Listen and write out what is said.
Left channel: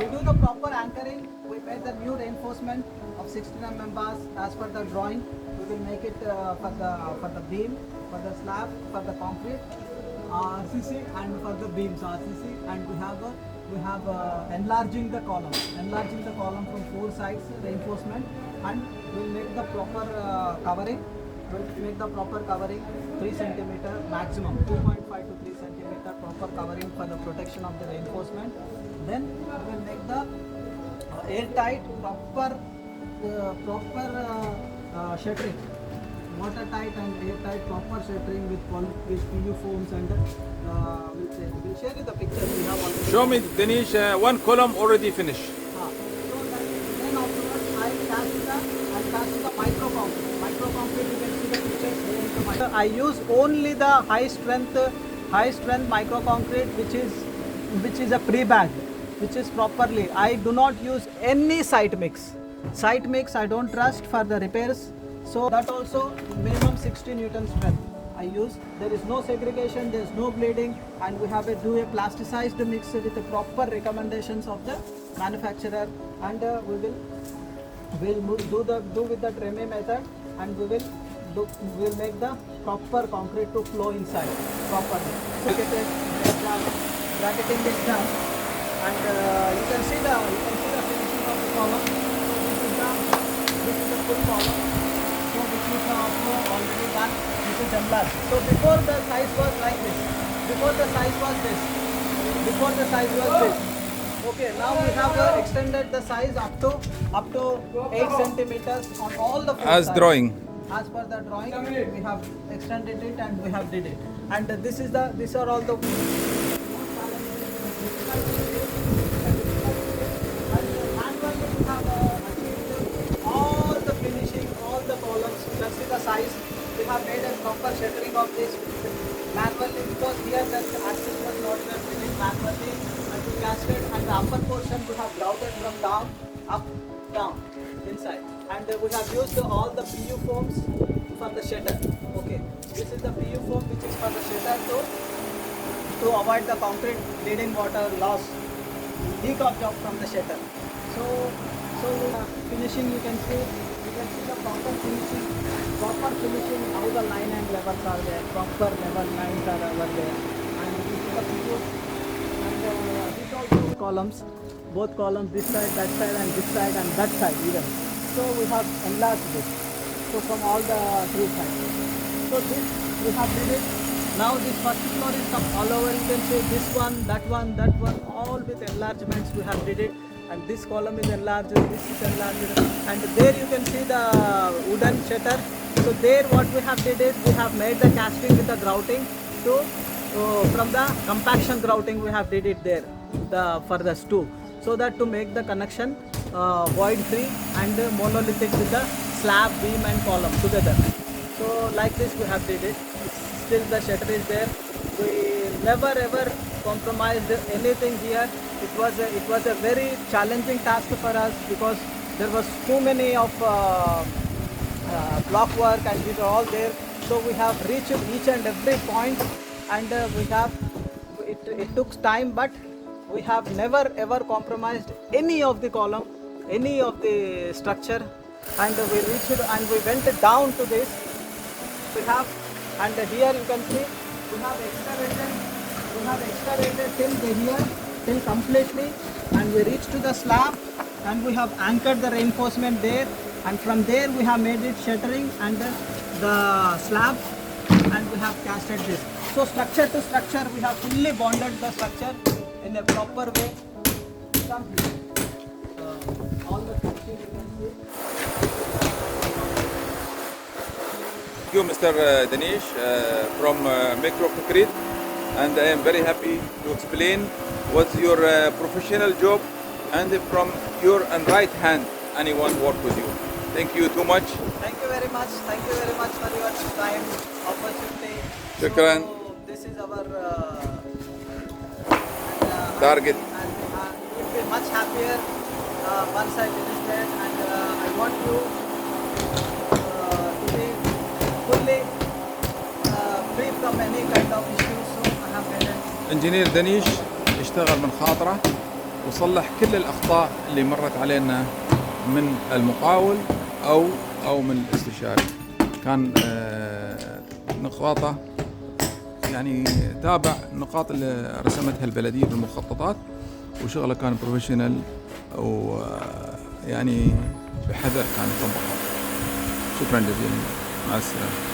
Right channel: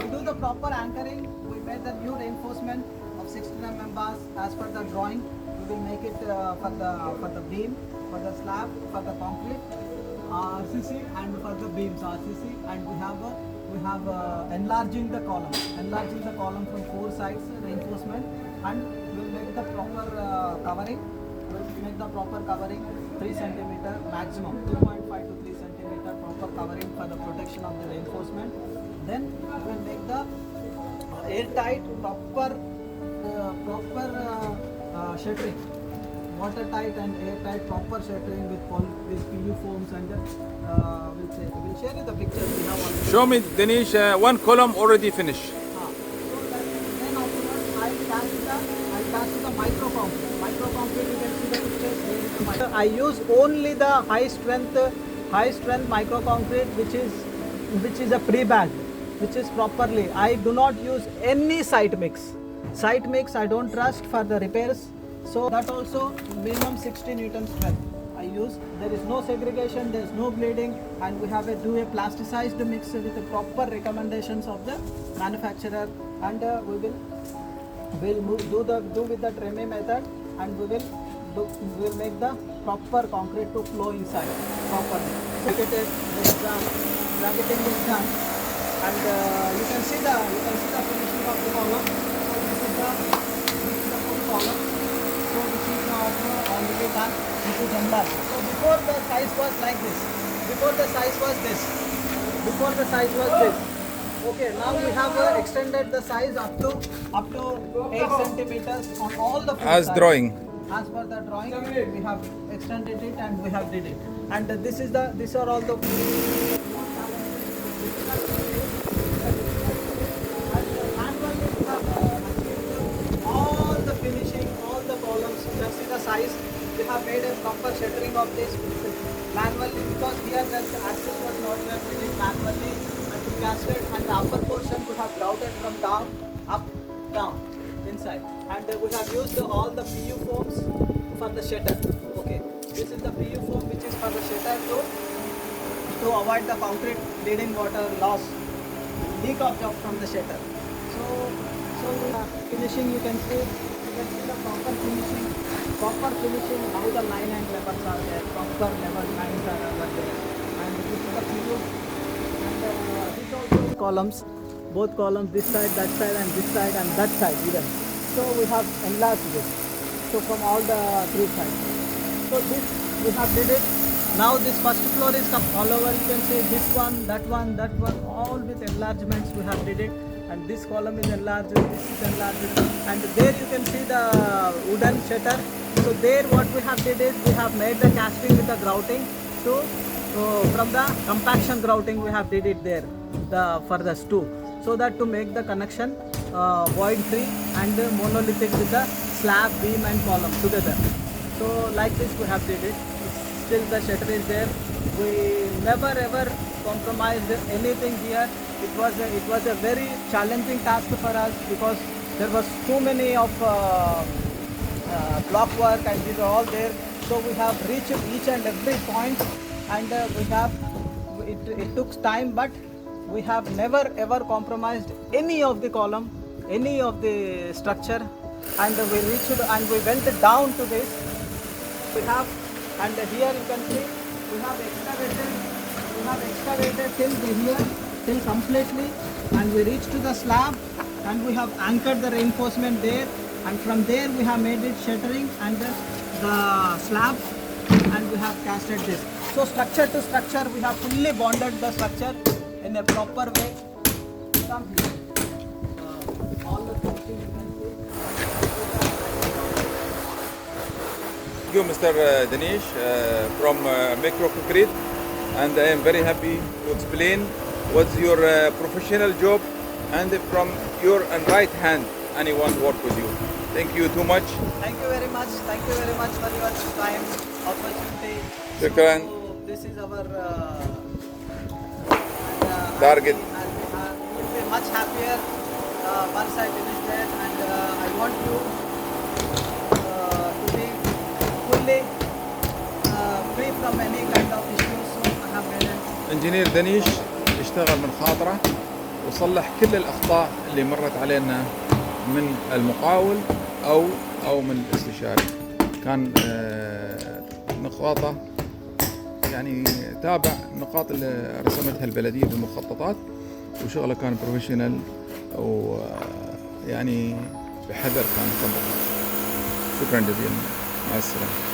To do the proper anchoring, we made the new reinforcement of 16 mm bars as per the drawing. We will make it for the beam, for the slab, for the concrete, RCC, and for the beams RCC. And we have enlarging the column from 4 sides reinforcement, and we'll make the proper covering. We'll make the proper covering 3 cm maximum, 2.5 to 3 cm proper covering for the protection of the reinforcement. Then we will make the airtight proper shuttering, watertight and airtight proper shuttering with PU foams, and we'll share you the pictures we have already. Show me, Danish, one column already finished. So that, then afterwards I cast the micro concrete. Micro concrete, you can see the pictures there is the micro. I use only the high strength micro concrete, which is a pre-bag, which is properly. I do not use any site mix. Site mix I don't trust for the repairs. So that also minimum 60 Newton strength I use. There is no segregation, there is no bleeding, and we have do a plasticized mix with the proper recommendations of the manufacturer, and we will do with the Treme method, and we will make the proper concrete to flow inside properly. Bracketing is done, and you can see the finishing of the column. This is the full column. So this is now already done. This is enlarged. So before the size was like this. Before the size was this. Okay, now we have extended the size up to 8 centimeters on all the As sides. drawing. As per the drawing, we have extended it and we have did it. And these are all the all the finishing, all the columns. You can see the size. We have made a proper shuttering of this manually, because here the access was not yet finished manually and plastered, and the upper portion we have grouted from down, up, down, inside. And we have used all the PU foams for the shutter. Okay, this is the PU foam which is for the shutter to avoid the concrete leading water loss, leak from the shutter. So we are finishing. You can see the proper finishing, how the line and levels are there, proper level lines are over there, and this is the PU. And this also columns, both columns, this side, and this side, and that side even. So we have enlarged this. So from all the three sides. So this we have did it. Now this first floor is all over. You can see this one, that one, all with enlargements we have did it. And this column is enlarged, this is enlarged, and there you can see the wooden shutter. So there what we have did is we have made the casting with the grouting. So from the compaction grouting we have did it there, for the two, so that to make the connection void free and monolithic with the slab, beam and column together. So like this we have did it. Still the shutter is there. We never ever compromised anything here. It was a very challenging task for us, because there was too many of block work, and these are all there. So we have reached each and every point, and it took time, but we have never ever compromised any of the column, any of the structure, and we reached and we went down to this. We have, and here you can see we have excavated till here, till completely, and we reached to the slab, and we have anchored the reinforcement there, and from there we have made it shuttering and the slab, and we have casted this. So structure to structure we have fully bonded the structure in a proper way. All the finishing you can see. Thank you, Mr. Danish, from Micro Concrete, and I am very happy to explain what's your professional job, and from your right hand anyone work with you. Thank you too much. Thank you very much. Thank you very much for your time, opportunity. Shukran. So this is our Target. We will be much happier once I finish that, and I want you to be fully free from any kind of issues. So I have made it. انجينير دانيش يشتغل من خاطره، وصلح كل الأخطاء اللي مرت علينا من المقاول أو من الاستشاري. كان نقاطه يعني تابع النقاط اللي رسمتها البلدية بالمخططات، وشغله كان بروفيشنال ويعني بحذر كان يطبقها. شكرا جزيلا، مع السلامة.